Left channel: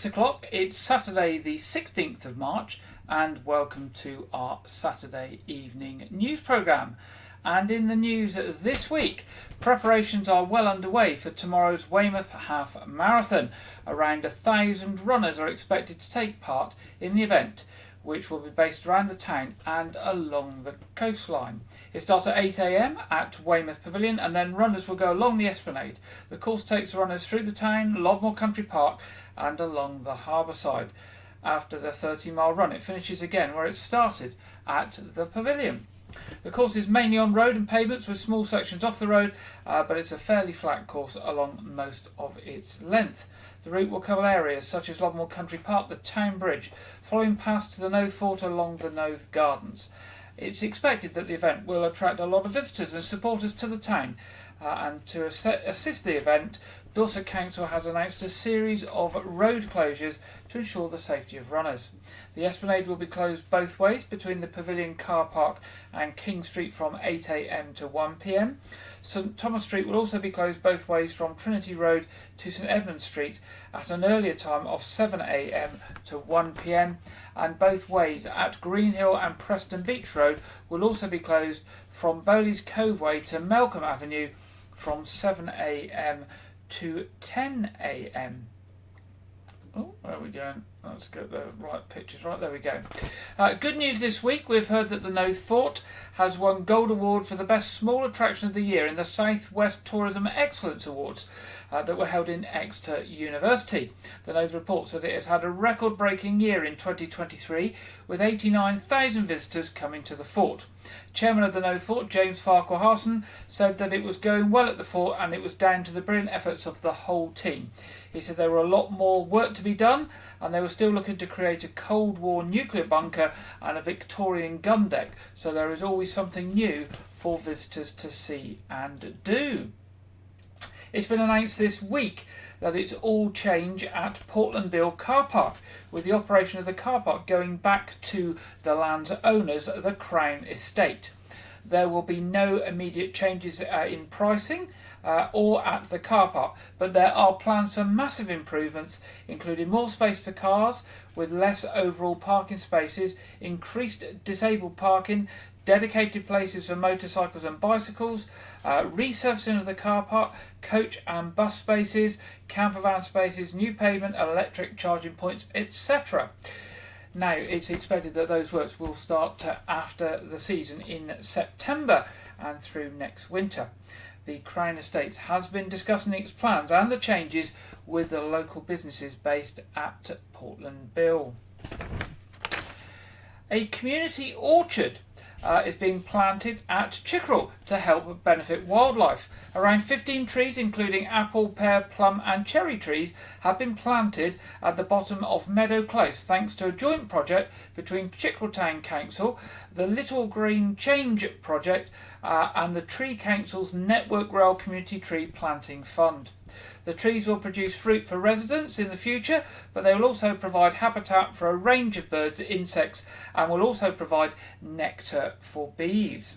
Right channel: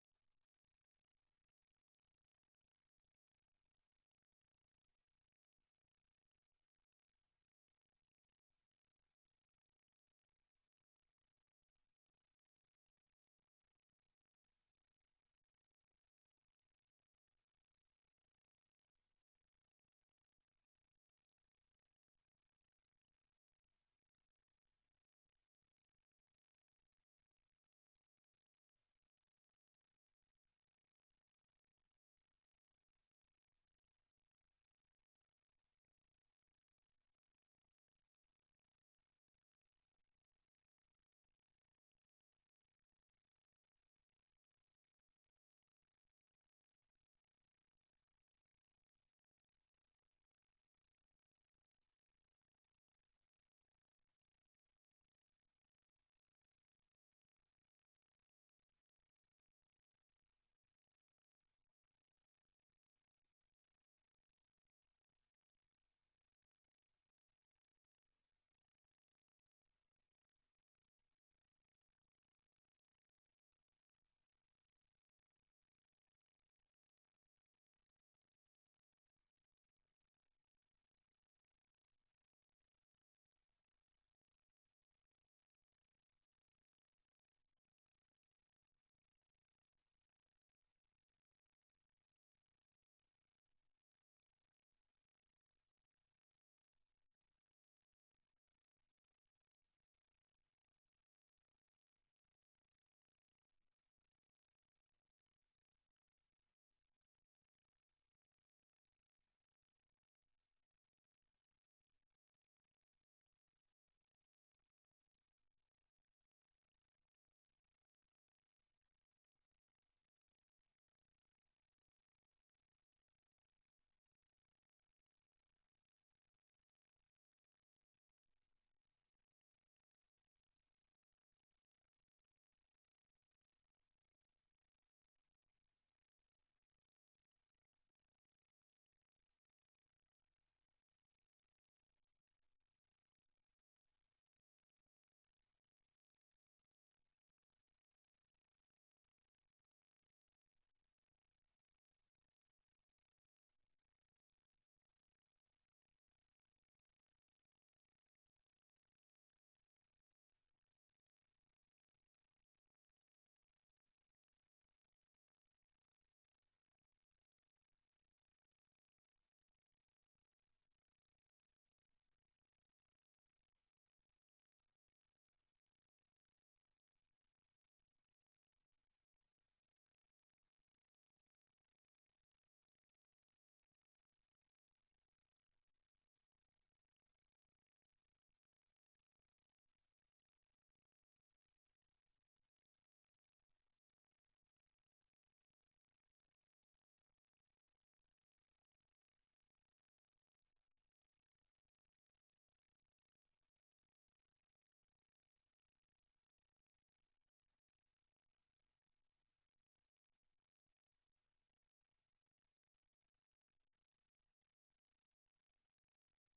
6 o'clock. It's Saturday the 16th of March and welcome to our Saturday evening news programme. And in the news this week, preparations are well underway for tomorrow's Weymouth Half Marathon. Around 1,000 runners are expected to take part in the event, which will be based around the town and along the coastline. It starts at 8 a.m. at Weymouth Pavilion and then runners will go along the esplanade. The course takes runners through the town, Lodmore Country Park and along the harbour side. After the 30-mile run, it finishes again where it started, at the pavilion. The course is mainly on road and pavements with small sections off the road, but it's a fairly flat course along most of its length. The route will cover areas such as Lodmore Country Park, the Town Bridge, following past to the Noath Fort along the Noath Gardens. It's expected that the event will attract a lot of visitors and supporters to the town, and to assist the event, Dorset Council has announced a series of road closures to ensure the safety of runners. The esplanade will be closed both ways between the Pavilion Car Park and King Street from 8 a.m. to 1 p.m. St Thomas Street will also be closed both ways from Trinity Road to St Edmund Street at an earlier time of 7 a.m. to 1 p.m. and both ways at Greenhill and Preston Beach Road will also be closed from Bowleys Cove Way to Melcombe Avenue from 7 a.m. to 10 a.m. Oh, where are we going? Let's get the right pictures. Right, there we go. Good news this week. We've heard that the Noath Fort has won Gold Award for the Best Small Attraction of the Year in the South West Tourism Excellence Awards that were held in Exeter University. The Noath reports that it has had a record-breaking year in 2023 with 89,000 visitors coming to the fort. Chairman of the Noath Fort, James Farquhar-Harson, said that it was going well at the fort and it was down to the brilliant efforts of the whole team. He said there were a lot more work to be done and they were still looking to create a Cold War nuclear bunker and a Victorian gun deck, so there is always something new for visitors to see and do. It's been announced this week that it's all change at Portland Bill Car Park, with the operation of the car park going back to the land's owners, the Crown Estate. There will be no immediate changes in pricing or at the car park, but there are plans for massive improvements, including more space for cars with less overall parking spaces, increased disabled parking, dedicated places for motorcycles and bicycles, resurfacing of the car park, coach and bus spaces, camper van spaces, new pavement, electric charging points, etc. Now, it's expected that those works will start after the season in September and through next winter. The Crown Estates has been discussing its plans and the changes with the local businesses based at Portland Bill. A community orchard is being planted at Chickerell to help benefit wildlife. Around 15 trees, including apple, pear, plum and cherry trees, have been planted at the bottom of Meadow Close thanks to a joint project between Chickerell Town Council, the Little Green Change project and the Tree Council's Network Rail Community Tree Planting Fund. The trees will produce fruit for residents in the future, but they will also provide habitat for a range of birds, insects, and will also provide nectar for bees.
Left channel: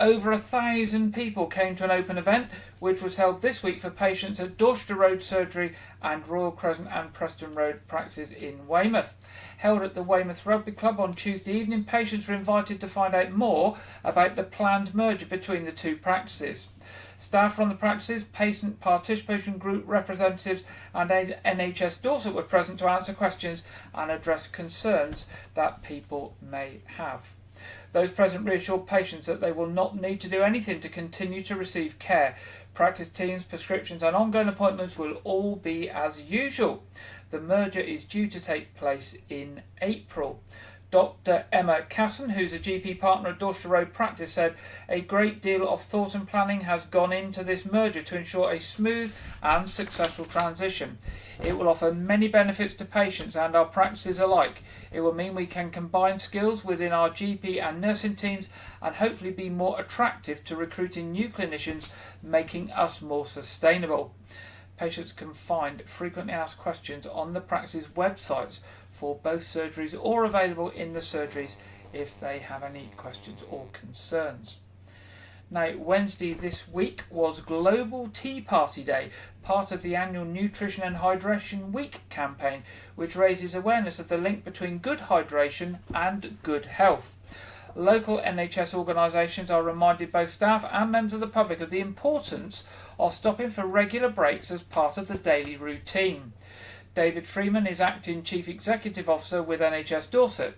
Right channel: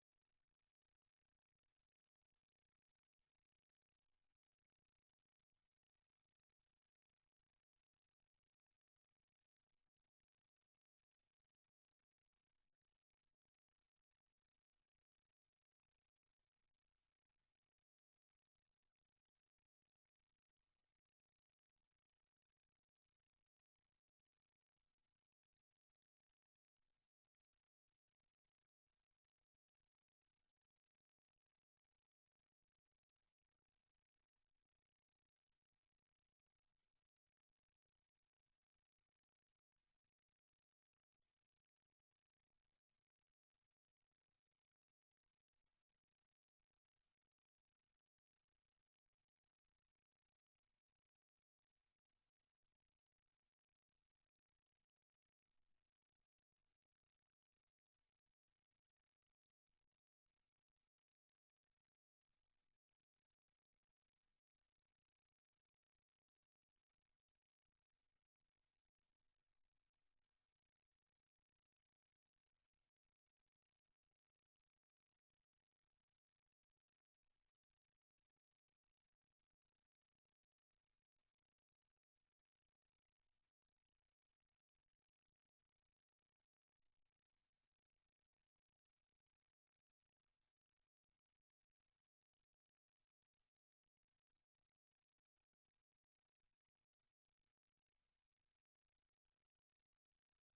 Over 1,000 people came to an open event which was held this week for patients at Dorchester Road Surgery and Royal Crescent and Preston Road practices in Weymouth. Held at the Weymouth Rugby Club on Tuesday evening, patients were invited to find out more about the planned merger between the two practices. Staff from the practices, patient participation group representatives and NHS Dorset were present to answer questions and address concerns that people may have. Those present reassured patients that they will not need to do anything to continue to receive care. Practice teams, prescriptions and ongoing appointments will all be as usual. The merger is due to take place in April. Dr. Emma Casson, who's a GP partner at Dorchester Road Practice, said a great deal of thought and planning has gone into this merger to ensure a smooth and successful transition. It will offer many benefits to patients and our practices alike. It will mean we can combine skills within our GP and nursing teams and hopefully be more attractive to recruiting new clinicians, making us more sustainable. Patients can find frequently asked questions on the practice's websites for both surgeries or available in the surgeries if they have any questions or concerns. Now, Wednesday this week was Global Tea Party Day, part of the annual Nutrition and Hydration Week campaign, which raises awareness of the link between good hydration and good health. Local NHS organisations are reminded both staff and members of the public of the importance of stopping for regular breaks as part of the daily routine. David Freeman is Acting Chief Executive Officer with NHS Dorset.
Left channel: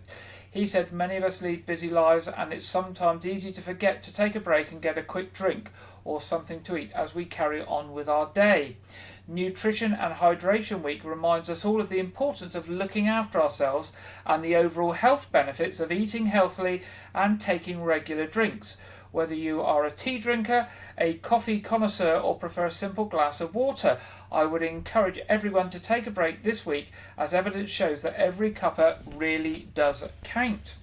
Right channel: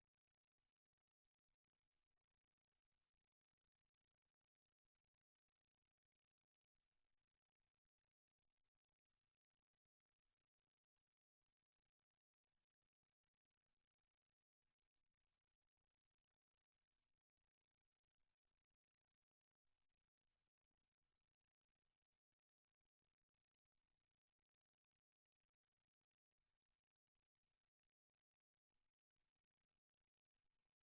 He said many of us lead busy lives and it's sometimes easy to forget to take a break and get a quick drink or something to eat as we carry on with our day. Nutrition and Hydration Week reminds us all of the importance of looking after ourselves and the overall health benefits of eating healthily and taking regular drinks. Whether you are a tea drinker, a coffee connoisseur or prefer a simple glass of water, I would encourage everyone to take a break this week, as evidence shows that every cuppa really does count.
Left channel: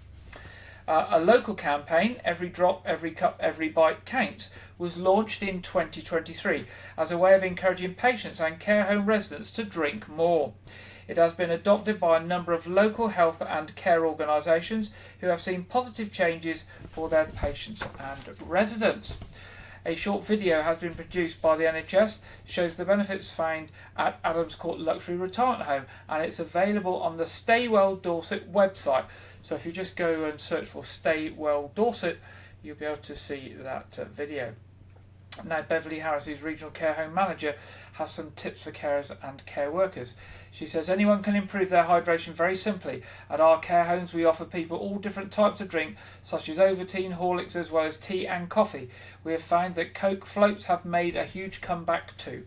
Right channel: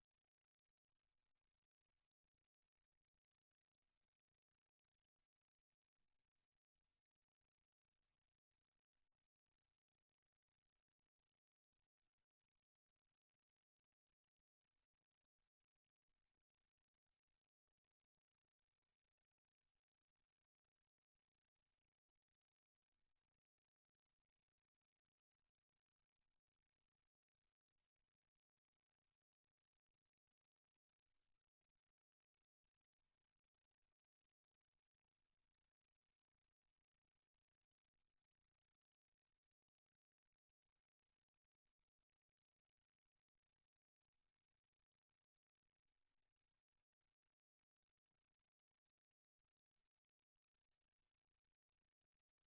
A local campaign, Every Drop, Every Cup, Every Bite Counts, was launched in 2023 as a way of encouraging patients and care home residents to drink more. It has been adopted by a number of local health and care organisations who have seen positive changes for their patients and residents. A short video has been produced by the NHS, shows the benefits found at Adams Court Luxury Retirement Home, and it's available on the Stay Well Dorset website. So if you just go and search for Stay Well Dorset, you'll be able to see that video. Now, Beverly Harris, who's Regional Care Home Manager, has some tips for carers and care workers. She says anyone can improve their hydration very simply. At our care homes we offer people all different types of drink, such as Ovaltine, Horlicks, as well as tea and coffee. We have found that Coke floats have made a huge comeback too.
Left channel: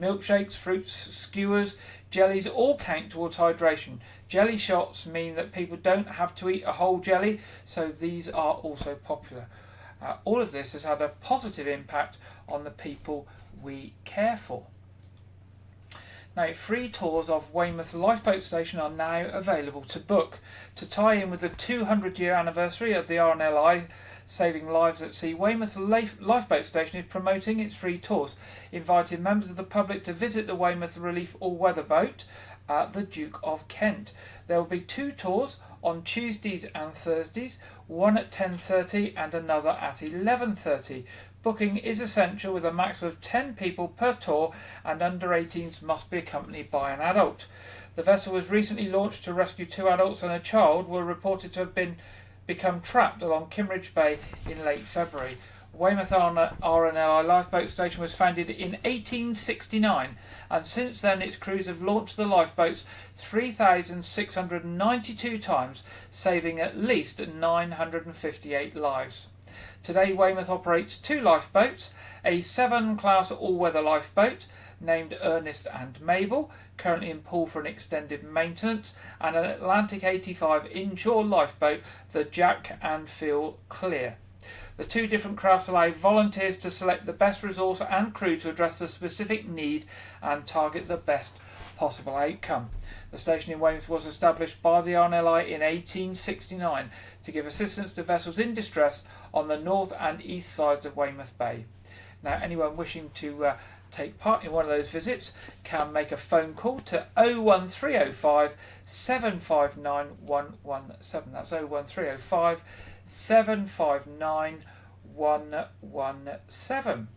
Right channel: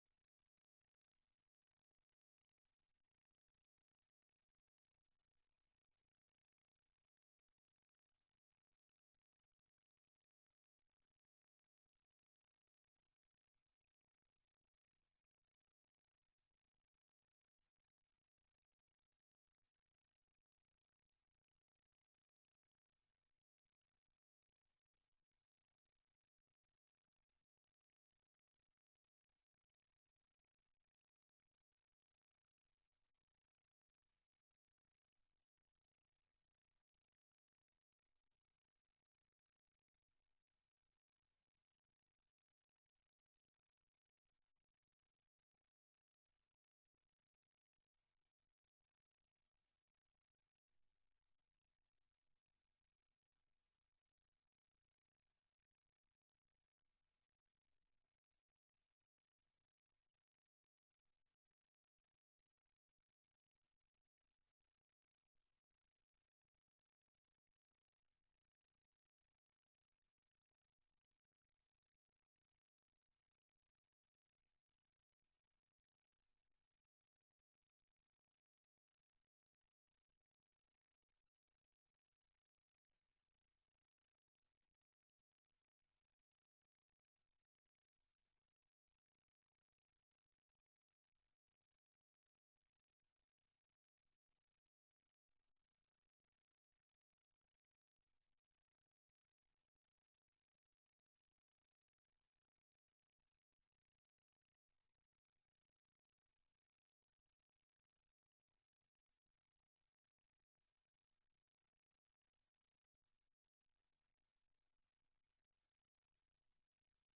Milkshakes, fruits, skewers, jellies all count towards hydration. Jelly shots mean that people don't have to eat a whole jelly, so these are also popular. All of this has had a positive impact on the people we care for. Now, free tours of Weymouth Lifeboat Station are now available to book. To tie in with the 200-year anniversary of the RNLI Saving Lives at Sea, Weymouth Lifeboat Station is promoting its free tours, inviting members of the public to visit the Weymouth Relief all-weather boat at the Duke of Kent. There will be 2 tours on Tuesdays and Thursdays, one at 10:30 and another at 11:30. Booking is essential with a maximum of 10 people per tour, and under 18s must be accompanied by an adult. The vessel was recently launched to rescue 2 adults, and a child were reported to have become trapped along Kimmeridge Bay in late February. Weymouth RNLI Lifeboat Station was founded in 1869, and since then its crews have launched the lifeboats 3,692 times, saving at least 958 lives. Today, Weymouth operates 2 lifeboats, a 7-class all-weather lifeboat named Ernest and Mabel, currently in pool for an extended maintenance, and an Atlantic 85 inshore lifeboat, the Jack and Phil Clear. The 2 different crafts allow volunteers to select the best resource and crew to address the specific need and target the best possible outcome. The station in Weymouth was established by the RNLI in 1869 to give assistance to vessels in distress on the north and east sides of Weymouth Bay. Now, anyone wishing to take part in one of those visits can make a phone call to 01305 759 117. That's 01305 759 117.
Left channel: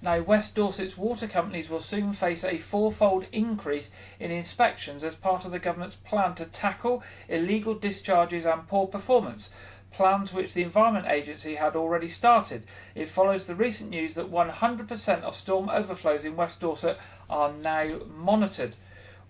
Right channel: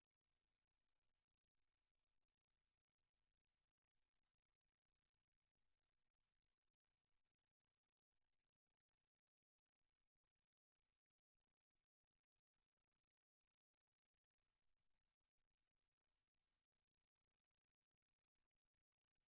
Now, West Dorset's water companies will soon face a 4-fold increase in inspections as part of the government's plan to tackle illegal discharges and poor performance, plans which the Environment Agency had already started. It follows the recent news that 100% of storm overflows in West Dorset are now monitored.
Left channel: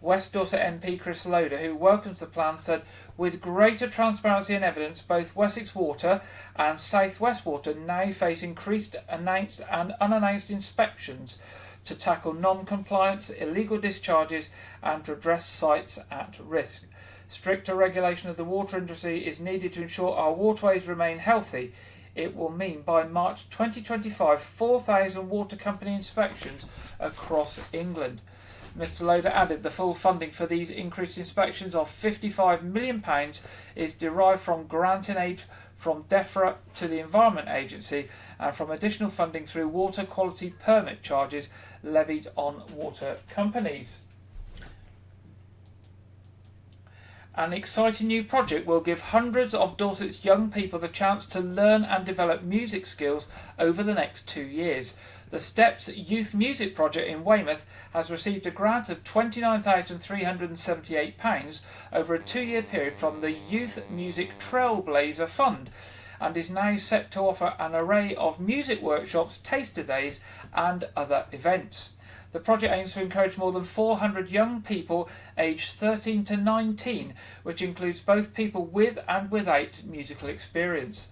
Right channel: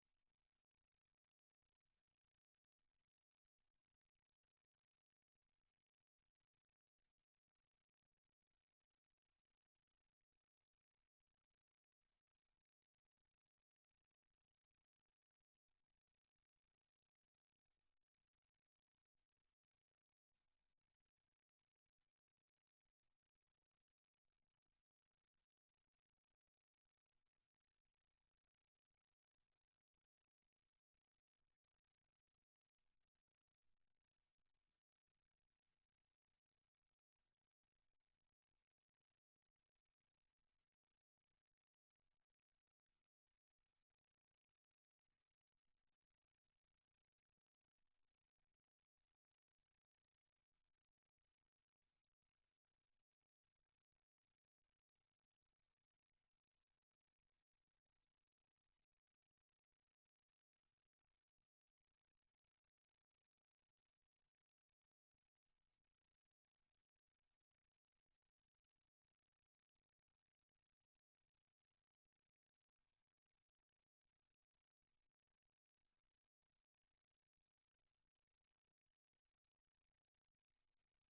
West Dorset MP Chris Loader, who welcomes the plan, said, "With greater transparency and evidence, both Wessex Water and South West Water now face increased announced and unannounced inspections to tackle non-compliance, illegal discharges and to address sites at risk. Stricter regulation of the water industry is needed to ensure our waterways remain healthy. It will mean by March 2025, 4,000 water company inspections across England." Mr Loader added the full funding for these increased inspections of £55 million is derived from grant and aid from DEFRA to the Environment Agency and from additional funding through water quality permit charges levied on water companies. An exciting new project will give hundreds of Dorset's young people the chance to learn and develop music skills over the next 2 years. The Steps Youth Music Project in Weymouth has received a grant of £29,378 over a 2-year period from the Youth Music Trailblazer Fund, and is now set to offer an array of music workshops, taster days and other events. The project aims to encourage more than 400 young people aged 13 to 19, which includes both people with and without musical experience.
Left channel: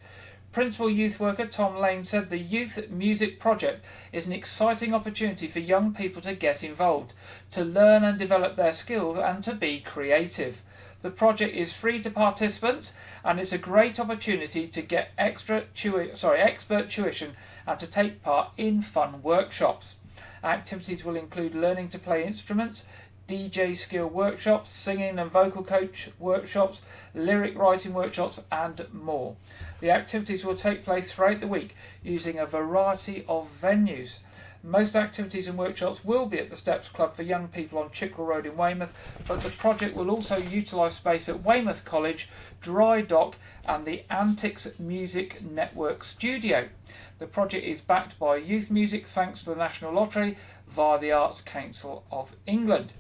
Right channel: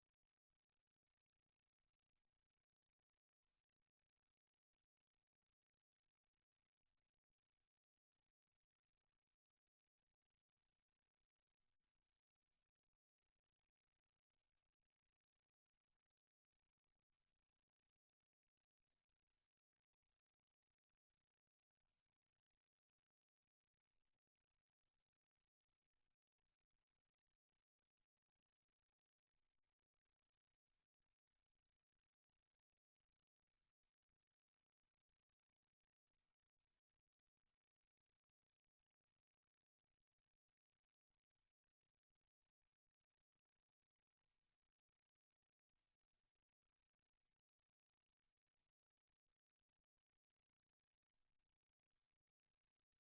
Principal Youth Worker Tom Lane said the Youth Music Project is an exciting opportunity for young people to get involved, to learn and develop their skills and to be creative. The project is free to participants and it's a great opportunity to get expert tuition and to take part in fun workshops. Activities will include learning to play instruments, DJ skill workshops, singing and vocal coach workshops, lyric writing workshops and more. The activities will take place throughout the week using a variety of venues. Most activities and workshops will be at the Steps Club for young people on Chickerell Road in Weymouth, but the project will also utilise space at Weymouth College, Dry Dock and the Antics Music Network Studio. The project is backed by Youth Music thanks to the National Lottery via the Arts Council of England.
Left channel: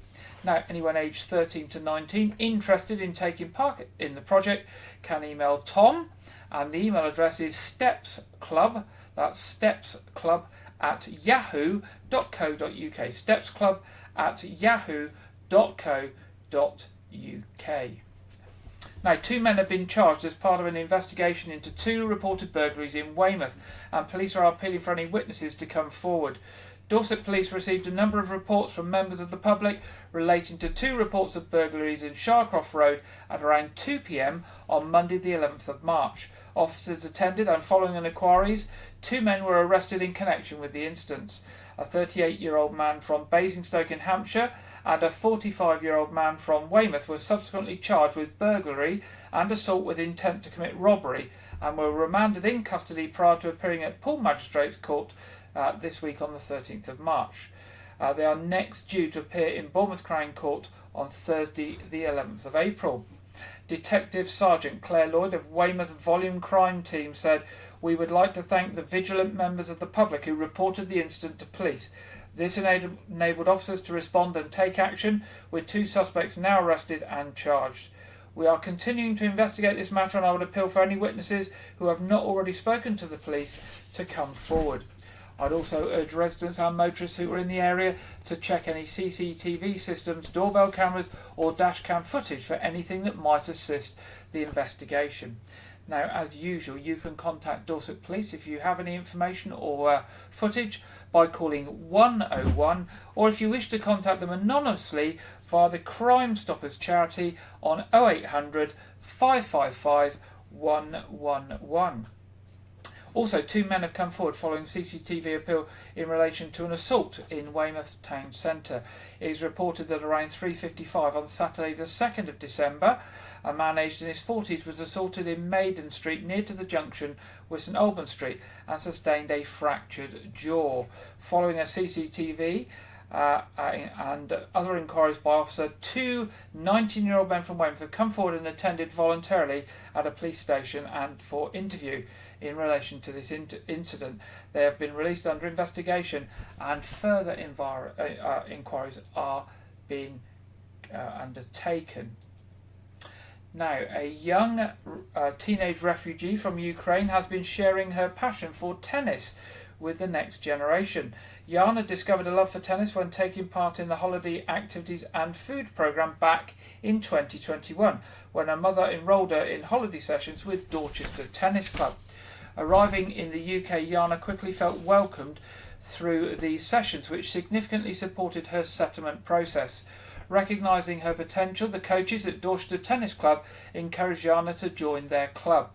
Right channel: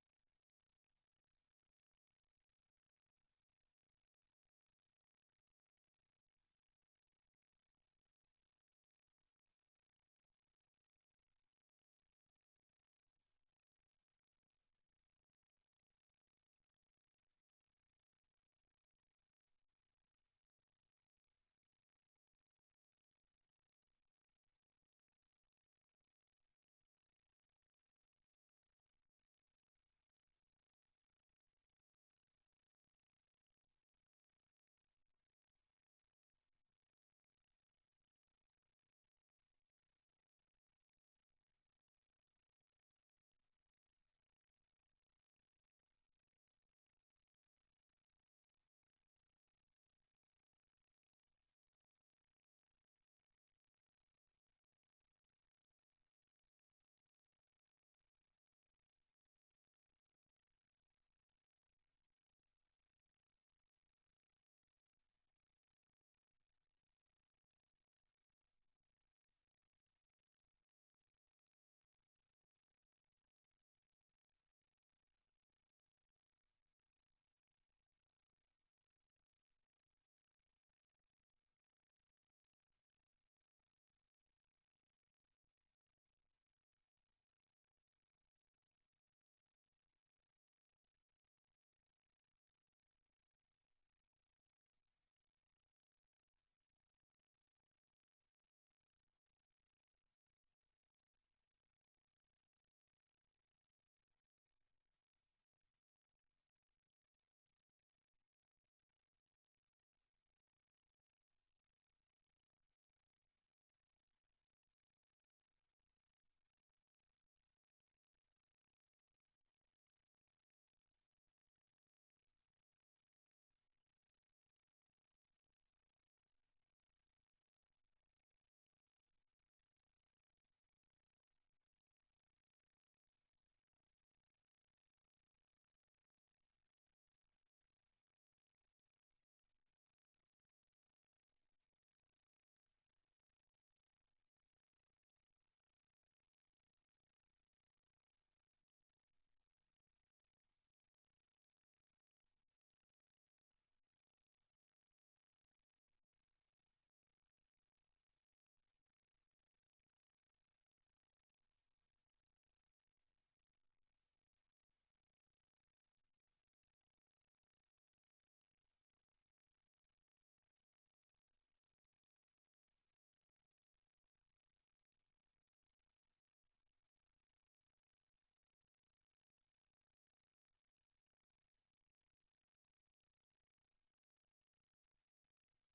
Now, anyone aged 13 to 19 interested in taking part in the project can email Tom, and the email address is stepsclub, that's stepsclub@yahoo.co.uk, stepsclub@yahoo.co.uk. Now, 2 men have been charged as part of an investigation into 2 reported burglaries in Weymouth, and police are appealing for any witnesses to come forward. Dorset Police received a number of reports from members of the public relating to 2 reports of burglaries in Sharcroft Road at around 2 p.m. on Monday the 11th of March. Officers attended, and following an inquiries, 2 men were arrested in connection with the incidents. A 38-year-old man from Basingstoke in Hampshire and a 45-year-old man from Weymouth were subsequently charged with burglary and assault with intent to commit robbery, and were remanded in custody prior to appearing at Poole Magistrates Court this week on the 13th of March. They are next due to appear in Bournemouth Crown Court on Thursday the 11th of April. Detective Sergeant Claire Lloyd of Weymouth Volume Crime Team said, "We would like to thank the vigilant members of the public who reported the incident to police. This enabled officers to respond and take action, with 2 suspects now arrested and charged. We are continuing to investigate this matter, and I would appeal for any witnesses who have not already spoken to the police to come forward." I'd also urge residents and motorists who are in the area to check any CCTV systems, doorbell cameras or dashcam footage for anything that might assist the investigation. Now, as usual, you can contact Dorset Police if you have any information or footage by calling 101, or if you wish to contact them anonymously via the Crime Stoppers charity on 0800 555 111. Also, 2 men have come forward following CCTV appeal in relation to an assault in Weymouth Town Centre. It is reported that around 3:55 on Saturday the 2nd of December, a man aged in his 40s was assaulted in Maiden Street near to the junction with St Albans Street and sustained a fractured jaw. Following a CCTV and other inquiries by officer, 2 19-year-old men from Weymouth have come forward and attended voluntarily at a police station and for interview in relation to this incident. They have been released under investigation, and further inquiries are being undertaken. Now, a young teenage refugee from Ukraine has been sharing her passion for tennis with the next generation. Jana discovered a love for tennis when taking part in the holiday activities and food programme back in 2021, when her mother enrolled her in holiday sessions with Dorchester Tennis Club. Arriving in the UK, Jana quickly felt welcomed through these sessions, which significantly supported her settlement process. Recognising her potential, the coaches at Dorchester Tennis Club encouraged Jana to join their club.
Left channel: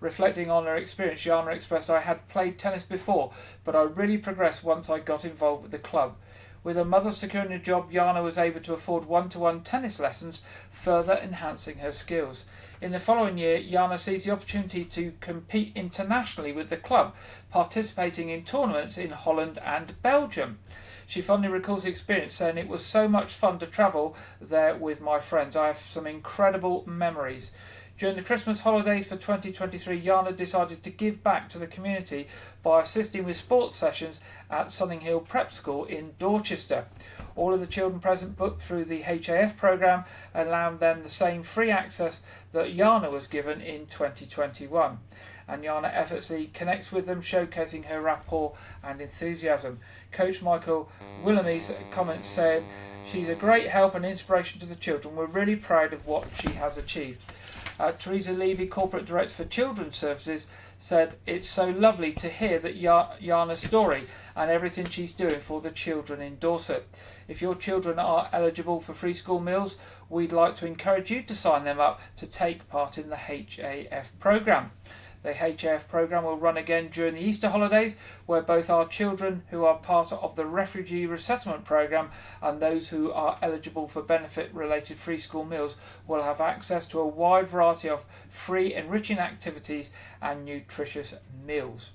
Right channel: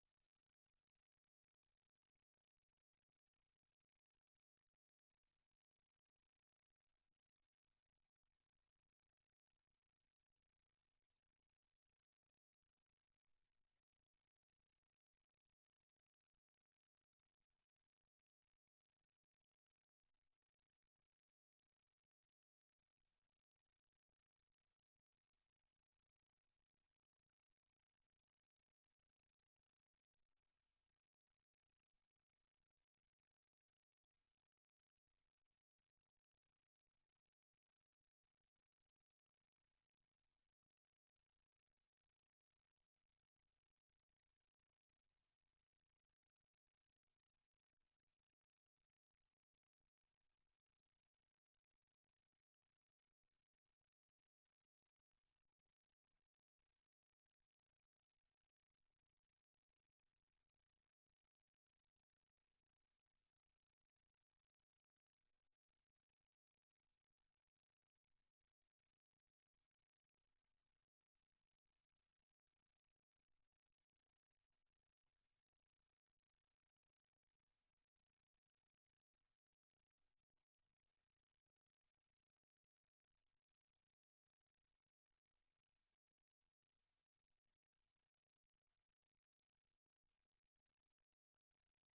Reflecting on her experience, Jana expressed, "I had played tennis before, but I really progressed once I got involved with the club." With her mother securing a job, Jana was able to afford one-to-one tennis lessons, further enhancing her skills. In the following year, Jana seized the opportunity to compete internationally with the club, participating in tournaments in Holland and Belgium. She fondly recalls the experience, saying, "It was so much fun to travel there with my friends. I have some incredible memories." During the Christmas holidays for 2023, Jana decided to give back to the community by assisting with sports sessions at Sunninghill Prep School in Dorchester. All of the children present booked through the HAF programme, allowing them the same free access that Jana was given in 2021. And Jana effortlessly connects with them, showcasing her rapport and enthusiasm. Coach Michael Willamy's comments said, "She's a great help and inspiration to the children. We're really proud of what she has achieved." Teresa Levy, Corporate Director for Children's Services, said, "It's so lovely to hear that Jana's story and everything she's doing for the children in Dorset. If your children are eligible for free school meals, we'd like to encourage you to sign them up to take part in the HAF programme. The HAF programme will run again during the Easter holidays, where both our children who are part of the Refugee Resettlement Programme and those who are eligible for benefit-related free school meals will have access to a wide variety of free enriching activities and nutritious meals."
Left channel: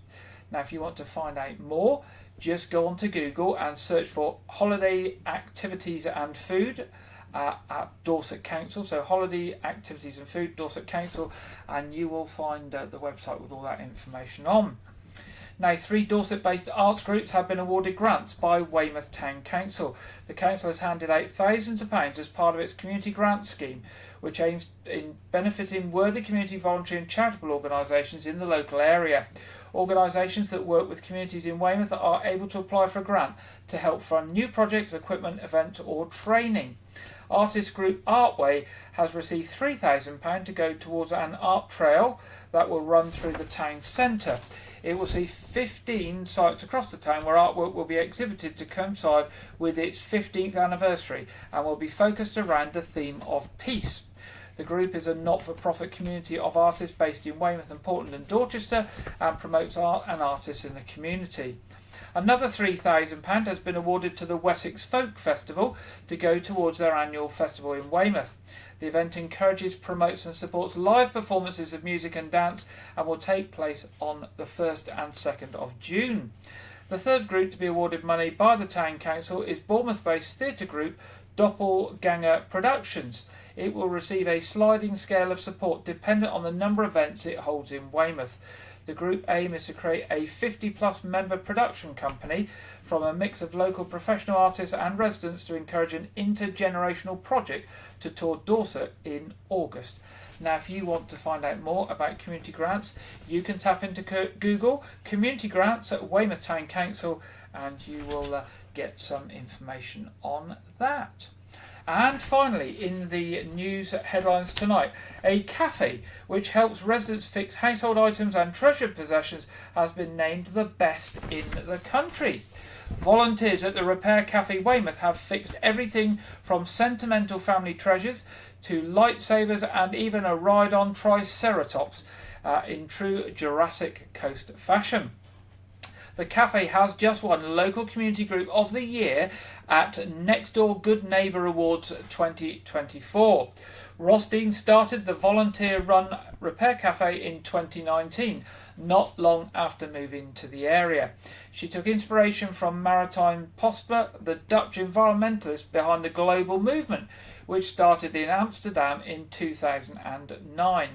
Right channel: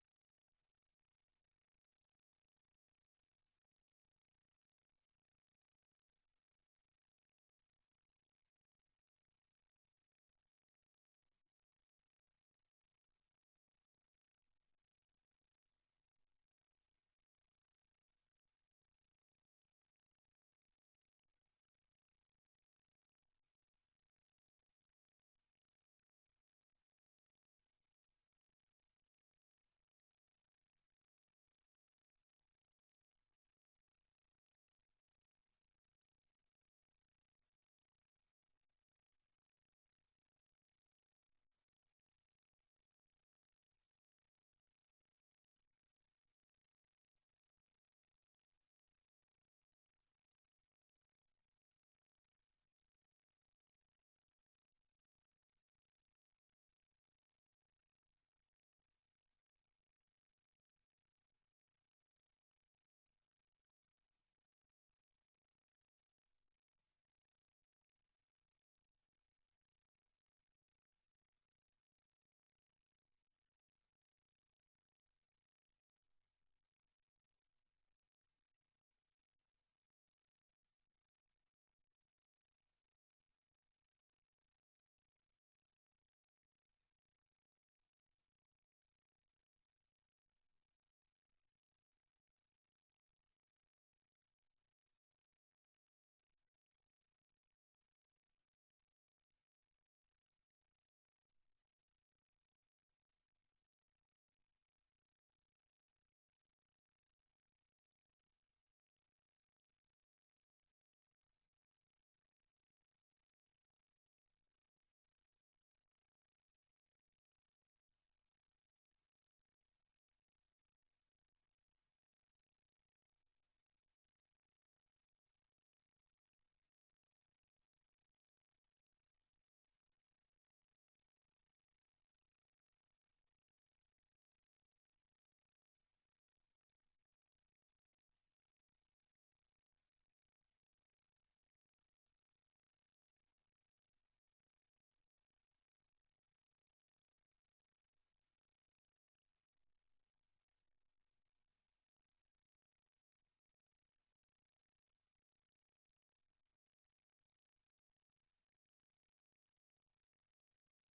Now, if you want to find out more, just go onto Google and search for holiday activities and food at Dorset Council. So holiday activities and food, Dorset Council, and you will find the website with all that information on. Now, 3 Dorset-based arts groups have been awarded grants by Weymouth Town Council. The council has handed out thousands of pounds as part of its community grant scheme, which aims in benefiting worthy community, voluntary and charitable organisations in the local area. Organisations that work with communities in Weymouth are able to apply for a grant to help fund new projects, equipment, events or training. Artist group Artway has received £3,000 to go towards an art trail that will run through the town centre. It will see 15 sites across the town where artwork will be exhibited to coincide with its 15th anniversary and will be focused around the theme of peace. The group is a not-for-profit community of artists based in Weymouth and Portland and Dorchester and promotes art and artists in the community. Another £3,000 has been awarded to the Wessex Folk Festival to go towards their annual festival in Weymouth. The event encourages, promotes and supports live performances of music and dance and will take place on the 1st and 2nd of June. The third group to be awarded money by the Town Council is Bournemouth-based theatre group Doppelganger Productions. It will receive a sliding scale of support dependent on the number of events it holds in Weymouth. The group aim is to create a 50-plus member production company from a mix of local professional artists and residents to encourage an intergenerational project to tour Dorset in August. Now, if you want to find out more about community grants, you can tap into Google Community Grants at Weymouth Town Council and you will get some information on that. And finally, in the news headlines tonight, a cafe which helps residents fix household items and treasured possessions has been named the best in the country. Volunteers at the Repair Cafe Weymouth have fixed everything from sentimental family treasures to lightsabers and even a ride-on Triceratops in true Jurassic Coast fashion. The cafe has just won Local Community Group of the Year at Next Door Good Neighbour Awards 2024. Ross Dean started the volunteer-run Repair Cafe in 2019, not long after moving to the area. She took inspiration from Maritime Postma, the Dutch environmentalist behind the global movement, which started in Amsterdam in 2009.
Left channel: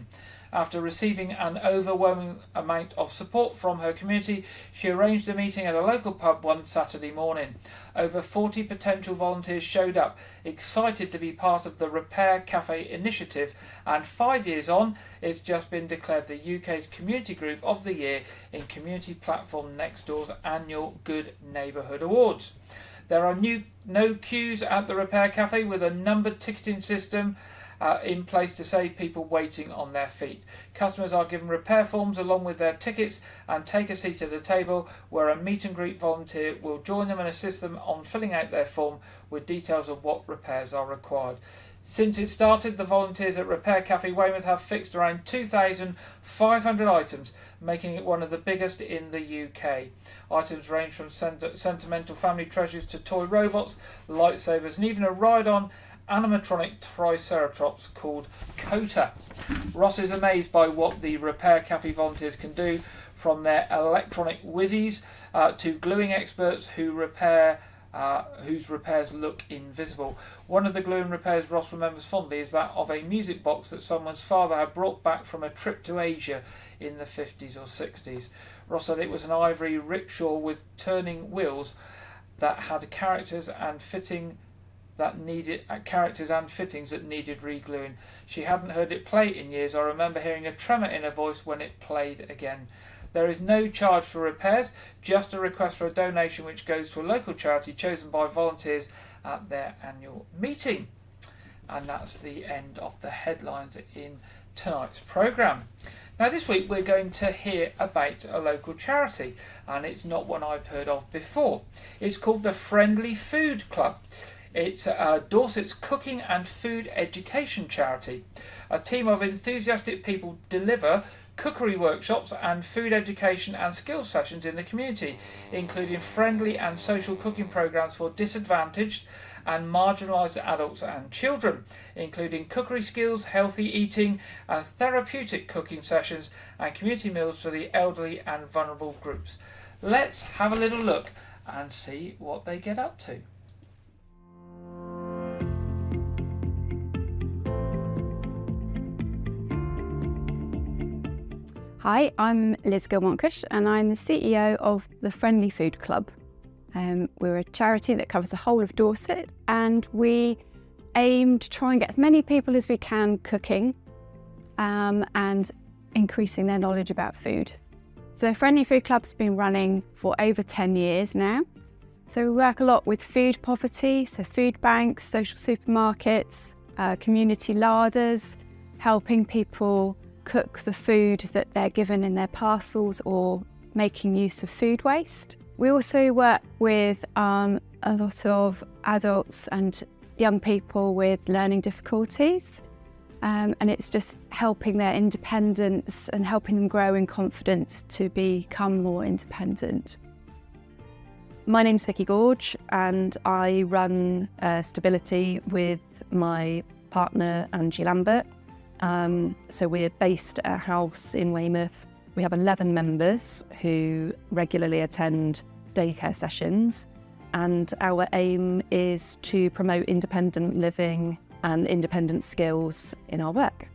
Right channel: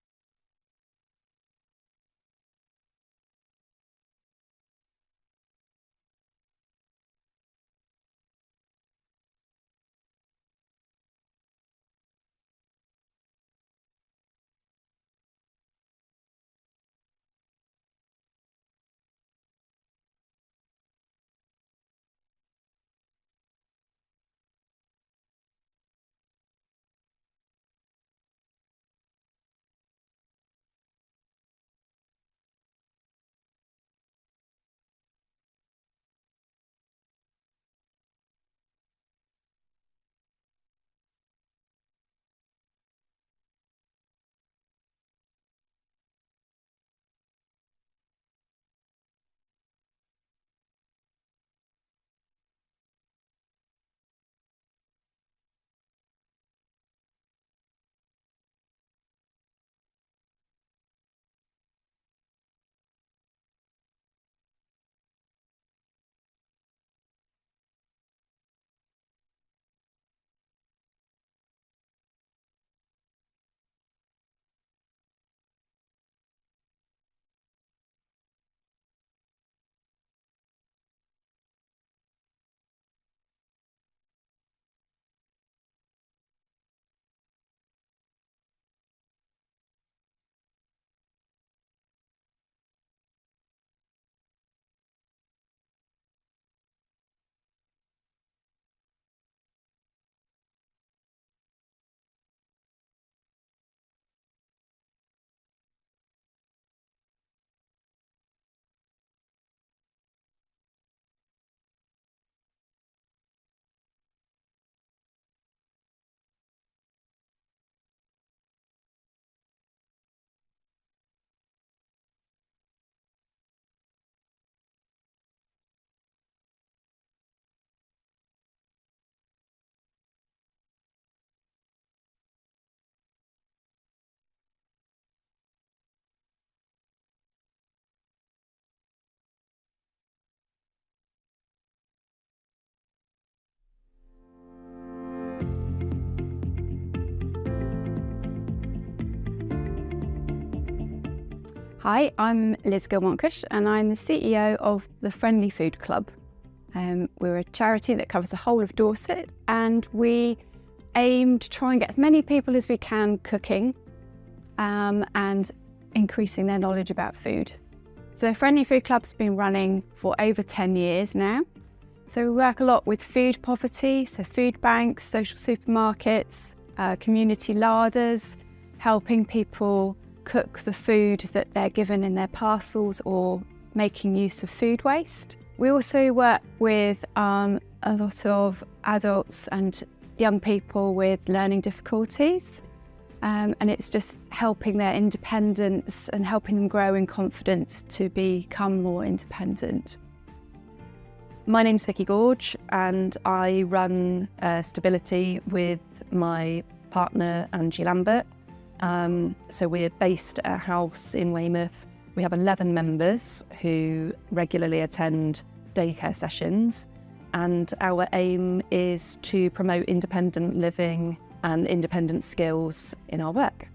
After receiving an overwhelming amount of support from her community, she arranged a meeting at a local pub one Saturday morning. Over 40 potential volunteers showed up, excited to be part of the Repair Cafe initiative, and 5 years on, it's just been declared the UK's Community Group of the Year in community platform Nextdoor's annual Good Neighbourhood Awards. There are no queues at the Repair Cafe with a numbered ticketing system in place to save people waiting on their feet. Customers are given repair forms along with their tickets and take a seat at a table where a meet and greet volunteer will join them and assist them on filling out their form with details of what repairs are required. Since it started, the volunteers at Repair Cafe Weymouth have fixed around 2,500 items, making it one of the biggest in the UK. Items range from sentimental family treasures to toy robots, lightsabers and even a ride-on animatronic Triceratops called Kota. Ross is amazed by what the Repair Cafe volunteers can do, from their electronic whizzies to gluing experts who repair whose repairs look invisible. One of the gluing repairs Ross remembers fondly is that of a music box that someone's father had brought back from a trip to Asia in the 50s or 60s. Ross said it was an ivory rickshaw with turning wheels that had characters and fittings that needed re-gluing. She hadn't heard it play in years. I remember hearing a tremor in her voice when it played again. There is no charge for repairs, just a request for a donation which goes to a local charity chosen by volunteers at their annual meeting. And that's the end of the headlines in tonight's programme. Now this week we're going to hear about a local charity, and it's not one I've heard of before. It's called the Friendly Food Club. It's Dorset's cooking and food education charity. A team of enthusiastic people deliver cookery workshops and food education and skills sessions in the community, including friendly and social cooking programs for disadvantaged and marginalised adults and children, including cookery skills, healthy eating and therapeutic cooking sessions and community meals for the elderly and vulnerable groups. Let's have a little look and see what they get up to. Hi, I'm Liz Gilmontcush and I'm the CEO of the Friendly Food Club. We're a charity that covers the whole of Dorset, and we aim to try and get as many people as we can cooking and increasing their knowledge about food. So the Friendly Food Club's been running for over 10 years now. So we work a lot with food poverty, so food banks, social supermarkets, community larders, helping people cook the food that they're given in their parcels or making use of food waste. We also work with a lot of adults and young people with learning difficulties, and it's just helping their independence and helping them grow in confidence to become more independent. My name's Vicky Gorge and I run Stability with my partner Angie Lambert. So we're based at a house in Weymouth. We have 11 members who regularly attend daycare sessions, and our aim is to promote independent living and independent skills in our work.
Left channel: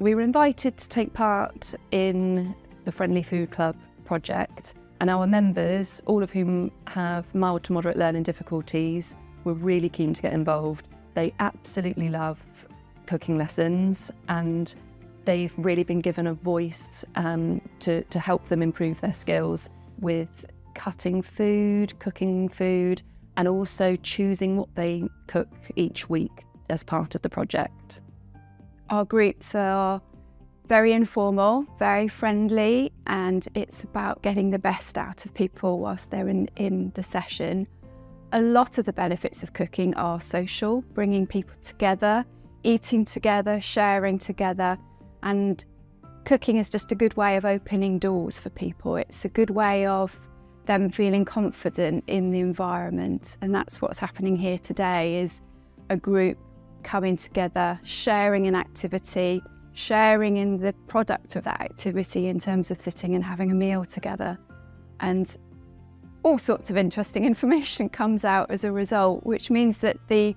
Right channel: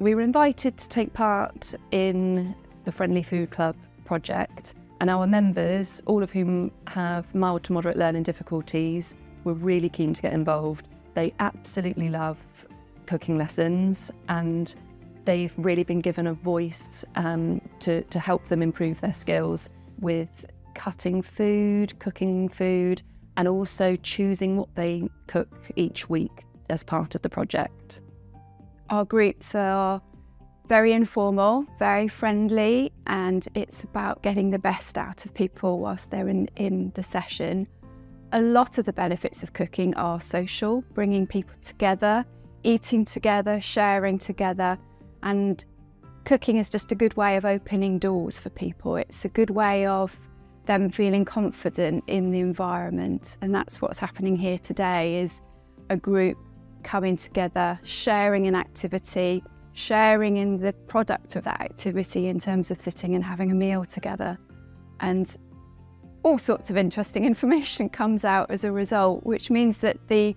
We were invited to take part in the Friendly Food Club project, and our members, all of whom have mild to moderate learning difficulties, were really keen to get involved. They absolutely love cooking lessons, and they've really been given a voice to help them improve their skills with cutting food, cooking food, and also choosing what they cook each week as part of the project. Our groups are very informal, very friendly, and it's about getting the best out of people whilst they're in the session. A lot of the benefits of cooking are social, bringing people together, eating together, sharing together, and cooking is just a good way of opening doors for people. It's a good way of them feeling confident in the environment, and that's what's happening here today, is a group coming together, sharing an activity, sharing in the product of that activity in terms of sitting and having a meal together, and all sorts of interesting information comes out as a result, which means that the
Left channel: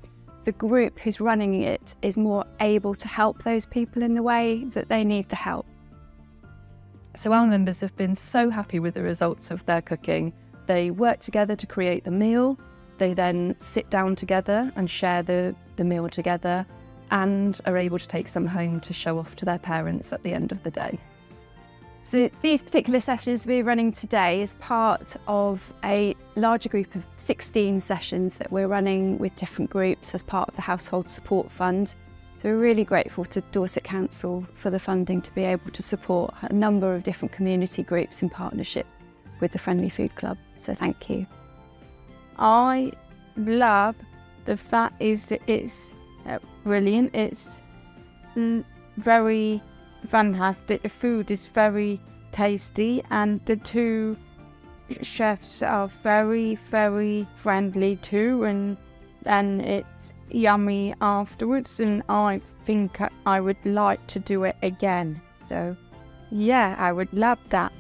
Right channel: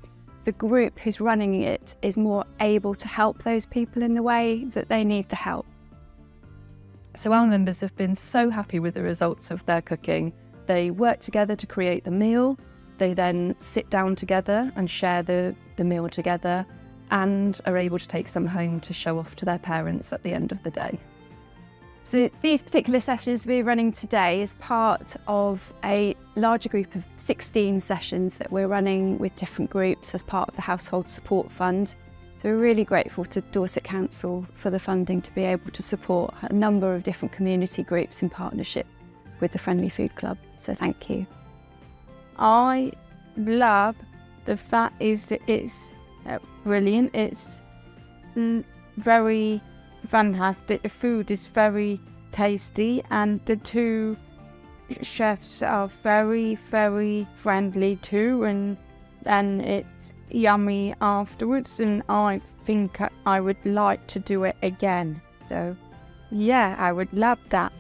group who's running it is more able to help those people in the way that they need the help. So our members have been so happy with the results of their cooking. They work together to create the meal. They then sit down together and share the meal together, and are able to take some home to show off to their parents at the end of the day. So these particular sessions we're running today is part of a larger group of 16 sessions that we're running with different groups as part of the Household Support Fund. So we're really grateful to Dorset Council for the funding to be able to support a number of different community groups in partnership with the Friendly Food Club. So thank you. I love the fact is that it's brilliant. It's very fantastic. The food is very tasty, and the two chefs are very, very friendly too, and it's yummy afterwards, and I think I would like to do it again. So yeah, I would love that.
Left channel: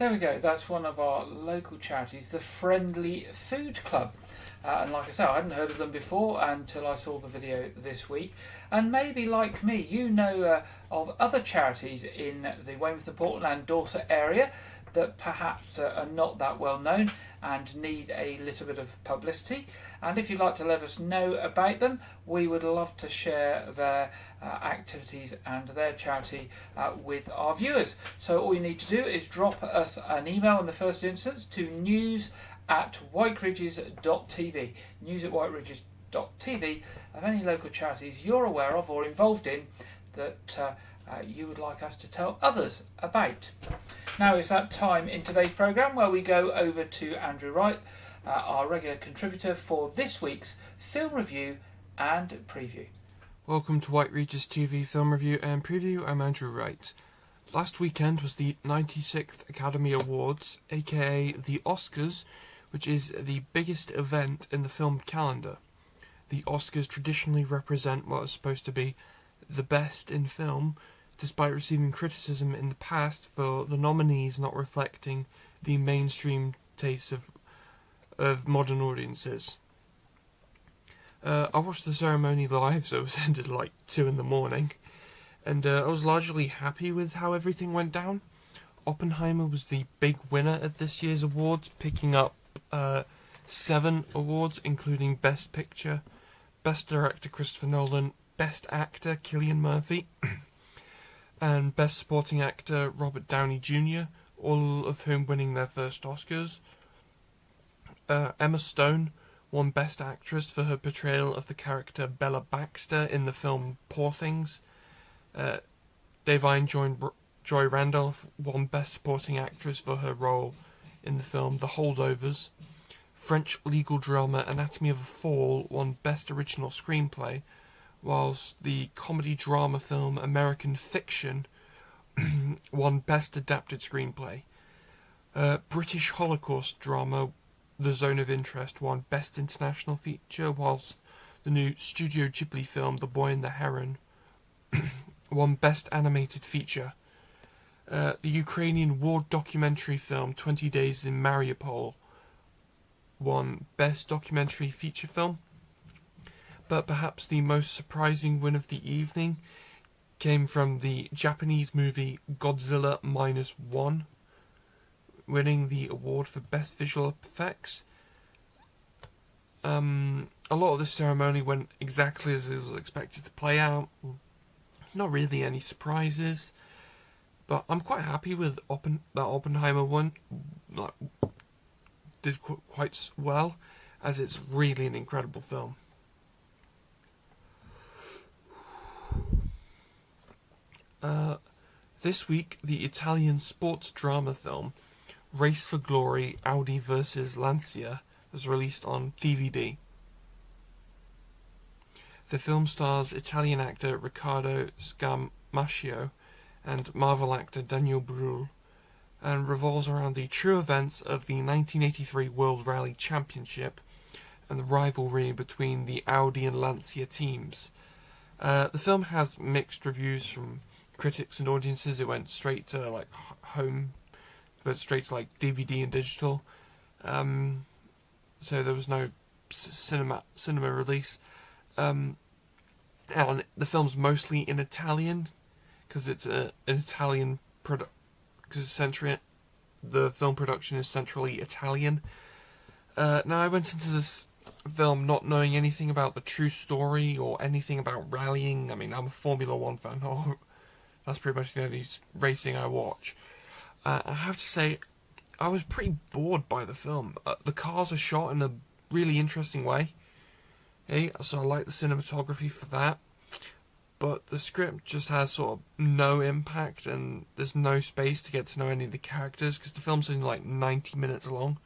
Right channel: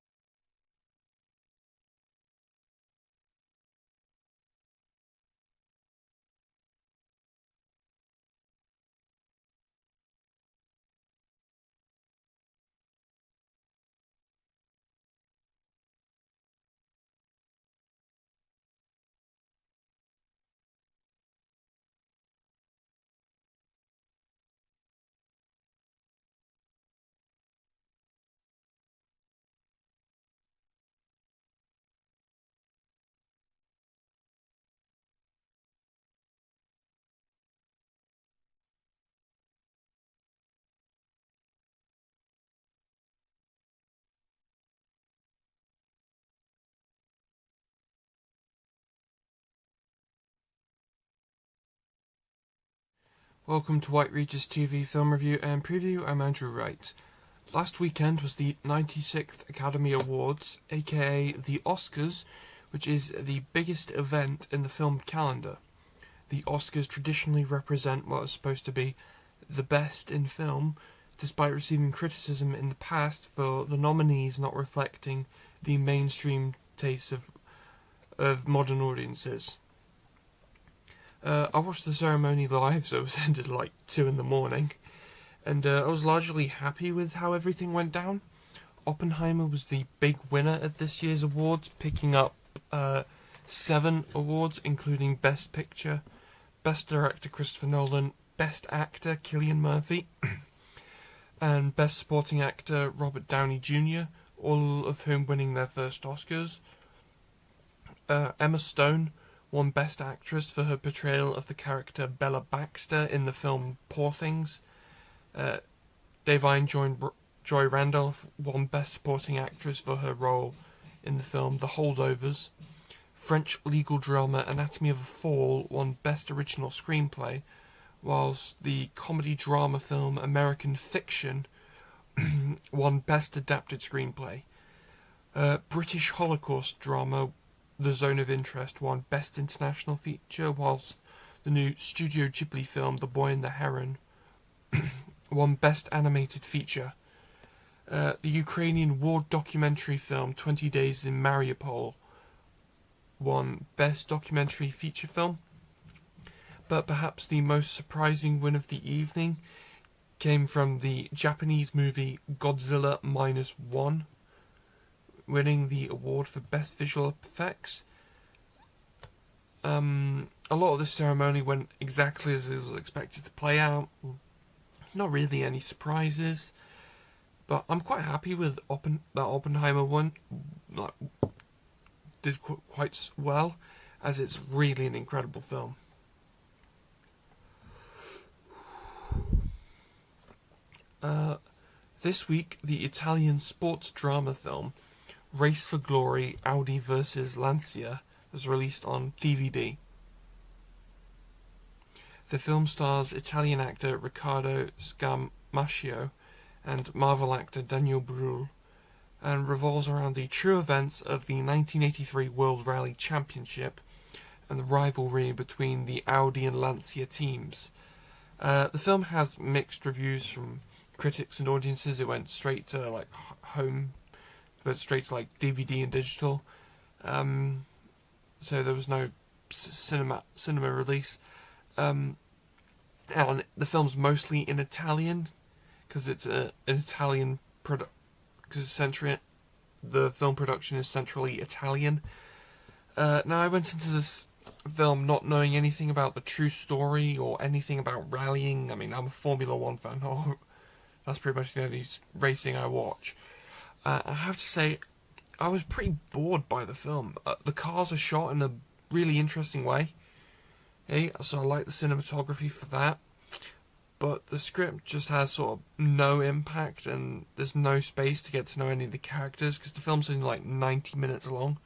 There we go. That's one of our local charities, the Friendly Food Club. And like I say, I hadn't heard of them before until I saw the video this week. And maybe, like me, you know of other charities in the Weymouth and Portland and Dorset area that perhaps are not that well known and need a little bit of publicity. And if you'd like to let us know about them, we would love to share their activities and their charity with our viewers. So all you need to do is drop us an email in the first instance to news@wykeridges.tv, news@wykeridges.tv, of any local charities you're aware of or involved in that you would like us to tell others about. Now is that time in today's programme where we go over to Andrew Wright, our regular contributor for this week's film review and preview. Welcome to White Regis TV Film Review and Preview. I'm Andrew Wright. Last weekend was the 96th Academy Awards, aka the Oscars, which is the biggest event in the film calendar. The Oscars traditionally represent what is supposed to be the best in film, despite receiving criticism in the past for the nominees not reflecting the mainstream tastes of modern audiences. I watched the ceremony live, so it was ended at like 2 in the morning, and I was largely happy with how everything went down. Oppenheimer was the big winner at this year's awards, picking up 7 awards, including Best Picture, Best Director Christopher Nolan, Best Actor Cillian Murphy, and Best Supporting Actor Robert Downey Jr., all of whom winning their first Oscars. Emma Stone won Best Actress for her portrayal of the character Bella Baxter in the film Poor Things. Davine Joy Randolph won Best Supporting Actress for her role in the film The Holdovers. French legal drama Anatomy of a Fall won Best Original Screenplay, whilst the comedy drama film American Fiction won Best Adapted Screenplay. British Holocaust drama The Zone of Interest won Best International Feature, whilst the new Studio Ghibli film The Boy and the Heron won Best Animated Feature. The Ukrainian war documentary film 20 Days in Mariupol won Best Documentary Feature Film. But perhaps the most surprising win of the evening came from the Japanese movie Godzilla -1, winning the award for Best Visual Effects. A lot of this ceremony went exactly as it was expected to play out. Not really any surprises, but I'm quite happy with that Oppenheimer one. Did quite well, as it's really an incredible film. This week, the Italian sports drama film Race for Glory, Audi vs Lancia was released on DVD. The film stars Italian actor Riccardo Scamascio and Marvel actor Daniel Brühl, and revolves around the true events of the 1983 World Rally Championship and the rivalry between the Audi and Lancia teams. The film has mixed reviews from critics and audiences. It went straight to DVD and digital, so there was no cinema release. And the film's mostly in Italian because it's an Italian product. Because the film production is centrally Italian. Now, I went into this film not knowing anything about the true story or anything about rallying. I mean, I'm a Formula 1 fan. That's pretty much the only racing I watch. I have to say, I was pretty bored by the film. The cars are shot in a really interesting way. Okay, so I like the cinematography for that. But the script just has sort of no impact, and there's no space to get to know any of the characters, because the film's only like 90 minutes long.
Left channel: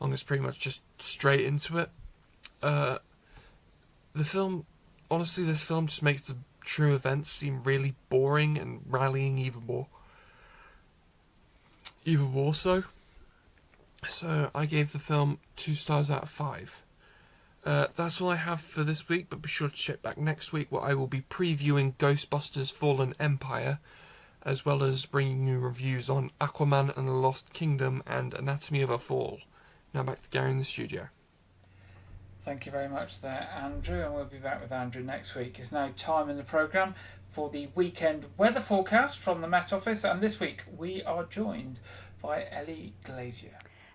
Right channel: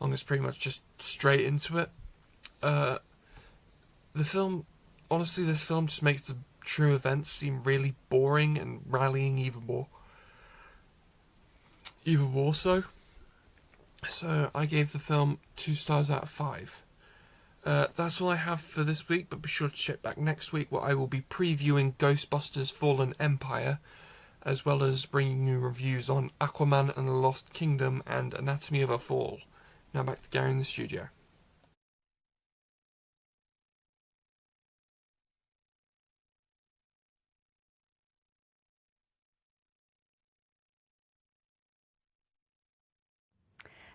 It's pretty much just straight into it. This film just makes the true events seem really boring, and rallying even more so. So I gave the film 2 stars out of 5. That's all I have for this week, but be sure to check back next week where I will be previewing Ghostbusters Fallen Empire, as well as bringing you reviews on Aquaman and the Lost Kingdom and Anatomy of a Fall. Now back to Gary in the studio. Thank you very much there, Andrew, and we'll be back with Andrew next week. It's now time in the programme for the weekend weather forecast from the Met Office, and this week we are joined by Ellie Glazier.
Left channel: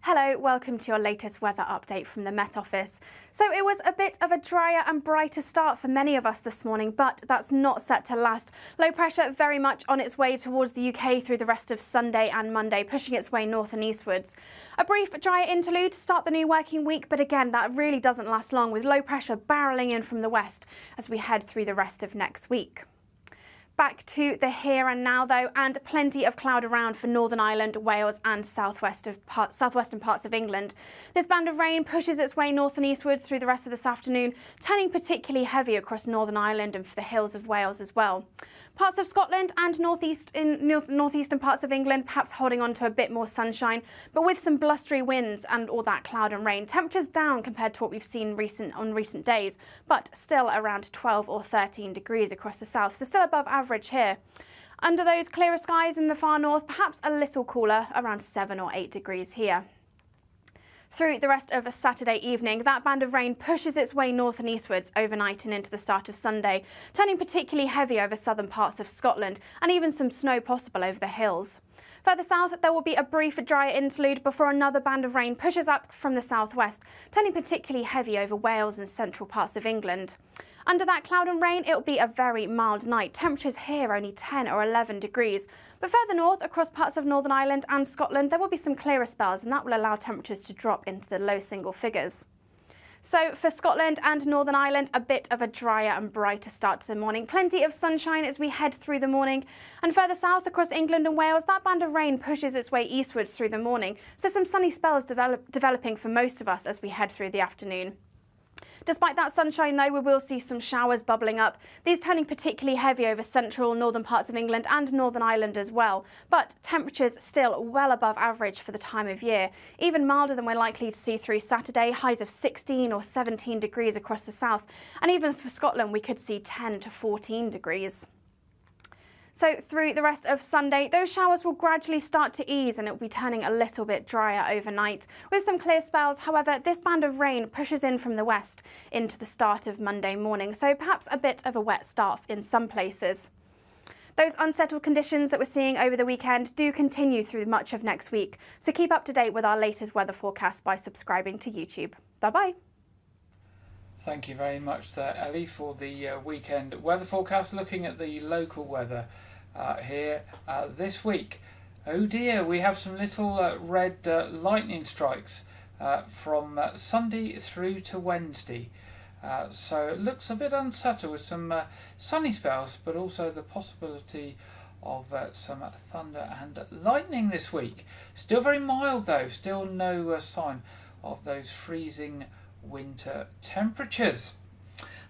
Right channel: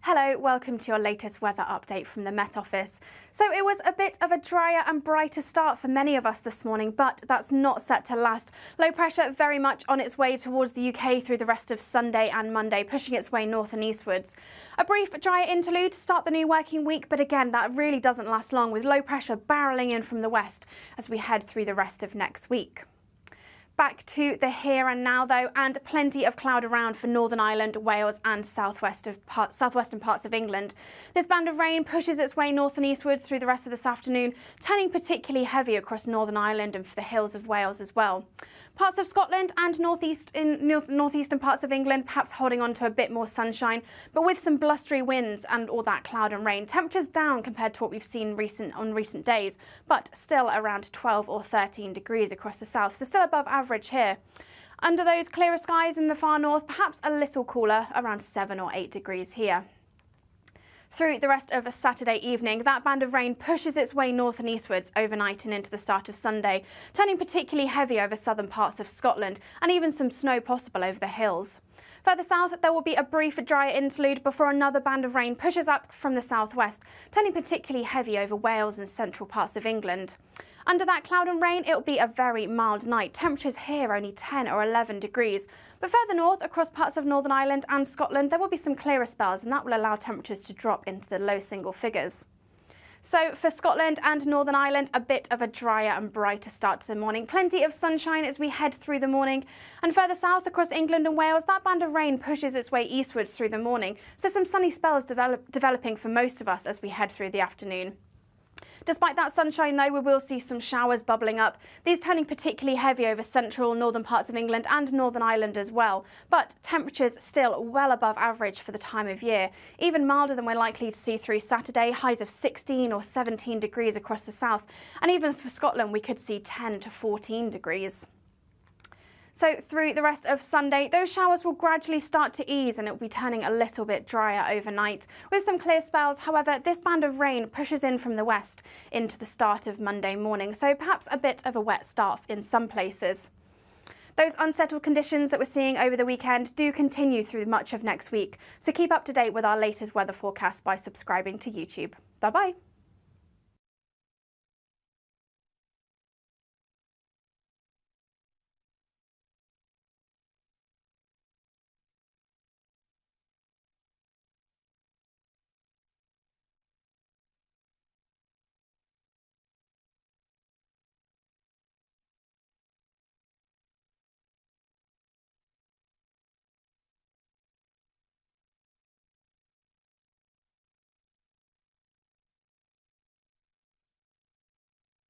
Hello, welcome to your latest weather update from the Met Office. So it was a bit of a drier and brighter start for many of us this morning, but that's not set to last. Low pressure very much on its way towards the UK through the rest of Sunday and Monday, pushing its way north and eastwards. A brief drier interlude to start the new working week, but again, that really doesn't last long, with low pressure barrelling in from the west as we head through the rest of next week. Back to the here and now though, and plenty of cloud around for Northern Ireland, Wales and southwestern parts of England. This band of rain pushes its way north and eastwards through the rest of this afternoon, turning particularly heavy across Northern Ireland and for the hills of Wales as well. Parts of Scotland and northeastern parts of England perhaps holding on to a bit more sunshine, but with some blustery winds and all that cloud and rain. Temperatures down compared to what we've seen on recent days, but still around 12 or 13 degrees across the south, so still above average here. Under those clearer skies in the far north, perhaps a little cooler, around 7 or 8 degrees here. Through the rest of a Saturday evening, that band of rain pushes its way north and eastwards overnight and into the start of Sunday, turning particularly heavy over southern parts of Scotland and even some snow possible over the hills. Further south, there will be a brief drier interlude before another band of rain pushes up from the southwest, turning particularly heavy over Wales and central parts of England. Under that cloud and rain, it will be a very mild night. Temperatures here only 10 or 11 degrees. But further north, across parts of Northern Ireland and Scotland, there will be some clearer spells, and that will allow temperatures to drop into the low single figures. So for Scotland and Northern Ireland, a bit of a drier and brighter start to the morning. Plenty of sunshine as we head through the morning. And further south across England and Wales, that band of rain pushes its way eastwards through the morning. So some sunny spells developing for most of us as we head through the afternoon. Despite that sunshine though, we will see some showers bubbling up, these turning particularly heavy over central northern parts of England and Northern Ireland as well. But temperatures still well above average for the time of year, even milder than we're likely to see through Saturday, highs of 16 or 17 degrees across the south. And even for Scotland, we could see 10 to 14 degrees. So through the rest of Sunday, those showers will gradually start to ease and it will be turning a little bit drier overnight. With some clear spells, however, this band of rain pushes in from the west into the start of Monday morning, so perhaps a bit of a wet start in some places. Those unsettled conditions that we're seeing over the weekend do continue through much of next week, so keep up to date with our latest weather forecast by subscribing to YouTube. Bye-bye. Thank you very much there, Ellie, for the weekend weather forecast, looking at the local weather here this week. Oh dear, we have some little red lightning strikes from Sunday through to Wednesday. So it looks a bit unsettled with some sunny spells, but also the possibility of some thunder and lightning this week. Still very mild though, still no sign of those freezing winter temperatures.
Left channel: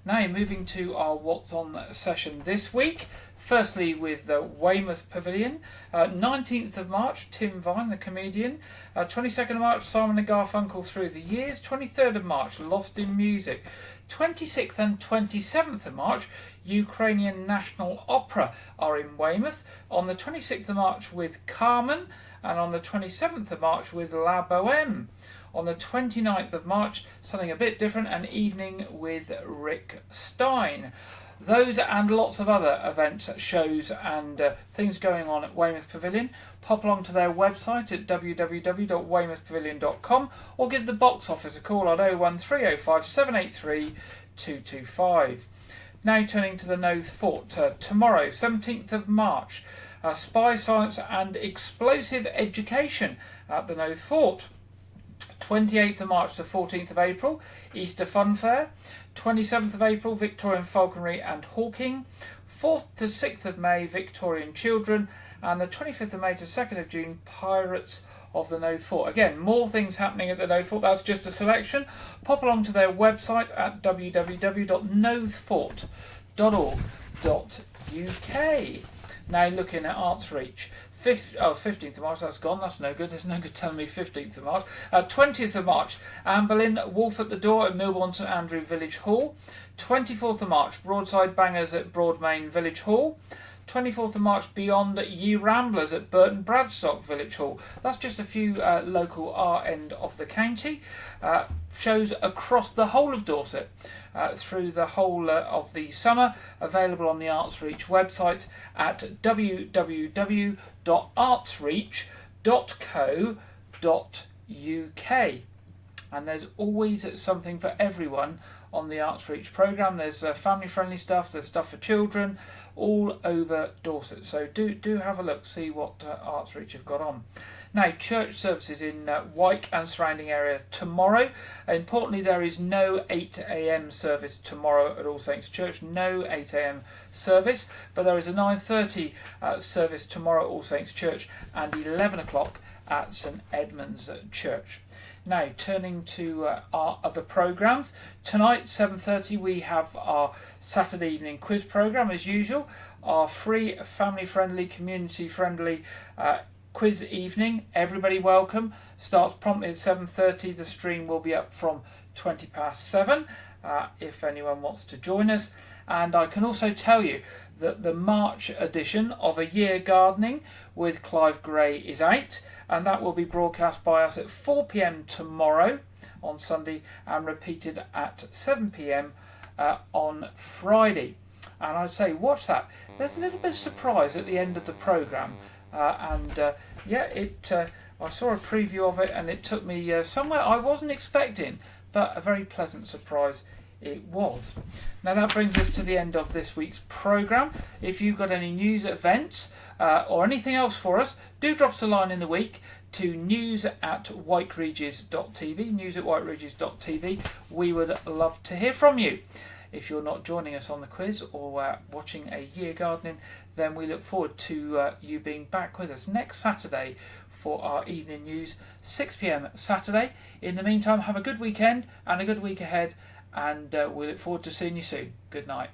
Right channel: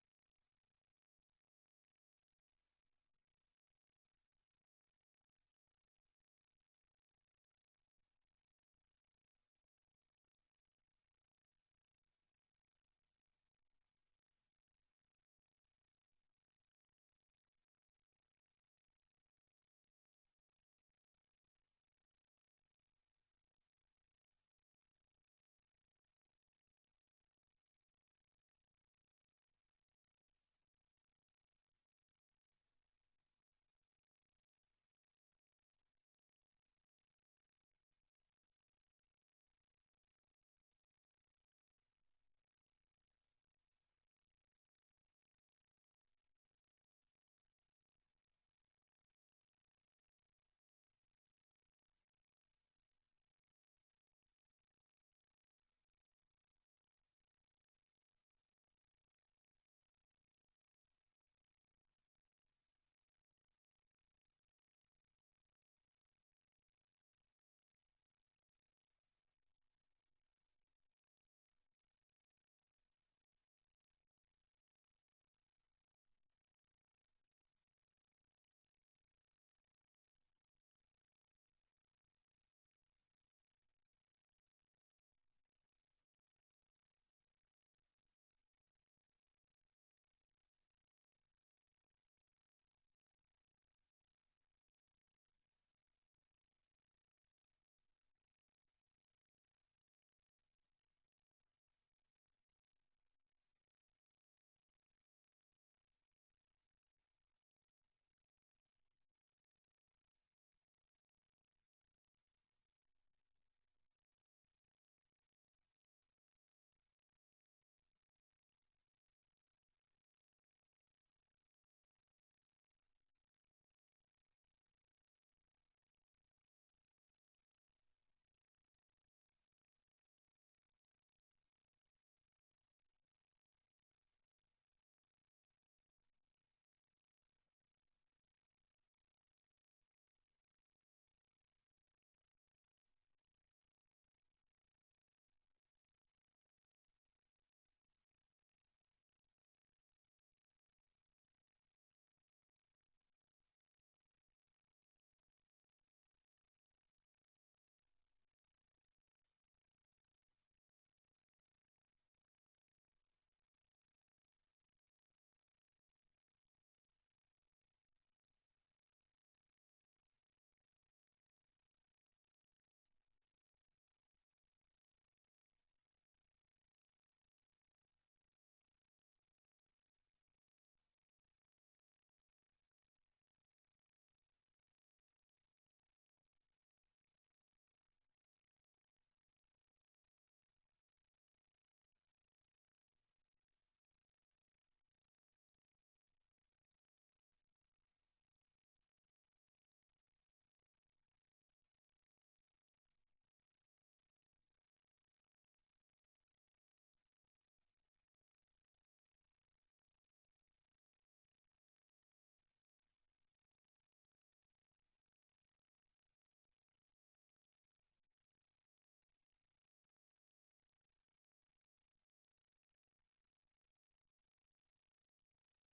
Now moving to our What's On session this week. Firstly with the Weymouth Pavilion. 19th of March, Tim Vine, the comedian. 22nd of March, Simon and Garfunkel Through the Years. 23rd of March, Lost in Music. 26th and 27th of March, Ukrainian National Opera are in Weymouth. On the 26th of March with Carmen, and on the 27th of March with La Boheme. On the 29th of March, something a bit different, an evening with Rick Stein. Those and lots of other events, shows and things going on at Weymouth Pavilion. Pop along to their website at www.weymouthpavilion.com or give the box office a call on 01305 783 225. Now turning to the Nothe Fort. Tomorrow, 17th of March, Spy Science and Explosive Education at the Nothe Fort. 28th of March to 14th of April, Easter Fun Fair. 27th of April, Victorian Falconry and Hawking. 4th to 6th of May, Victorian Children. And the 25th of May to 2nd of June, Pirates of the Nothe Fort. Again, more things happening at the Nothe Fort. That's just a selection. Pop along to their website at www.nothefort.org.uk. Now looking at Arts Reach. 15th of March, that's gone, that's no good, there's no good telling me 15th of March. 20th of March, Anne Boleyn, Wolf at the Door at Milbourne St Andrew Village Hall. 24th of March, Broadside Bangers at Broadmain Village Hall. 24th of March, Beyond Ye Ramblers at Burton Bradstock Village Hall. That's just a few local our end of the county. Shows across the whole of Dorset through the whole of the summer, available on the Arts Reach website at www.artsreach.co.uk. And there's always something for everyone on the Arts Reach programme. There's family friendly stuff, there's stuff for children, all over Dorset. So do have a look, see what Arts Reach have got on. Now, church services in Wyke and surrounding area tomorrow. Importantly, there is no 8 a.m. service tomorrow at All Saints Church. No 8 a.m. service, but there is a 9:30 service tomorrow at All Saints Church and 11 o'clock at St Edmund's Church. Now, turning to our other programmes. Tonight, 7:30, we have our Saturday evening quiz programme as usual. Our free, family-friendly, community-friendly quiz evening. Everybody welcome. Starts promptly at 7:30. The stream will be up from 7:20 if anyone wants to join us. And I can also tell you that the March edition of A Year Gardening with Clive Gray is out, and that will be broadcast by us at 4 p.m. tomorrow on Sunday and repeated at 7 p.m. On Friday. And I'd say watch that. There's a little bit of surprise at the end of the programme. I saw a preview of it and it took me somewhere I wasn't expecting, but a very pleasant surprise it was. Now that brings us to the end of this week's programme. If you've got any news, events or anything else for us, do drop us a line in the week to news@wykeregis.tv, news@wykeregis.tv. We would love to hear from you. If you're not joining us on the quiz or watching A Year Gardening, then we look forward to you being back with us next Saturday for our evening news, 6 p.m. Saturday. In the meantime, have a good weekend and a good week ahead, and we look forward to seeing you soon. Good night.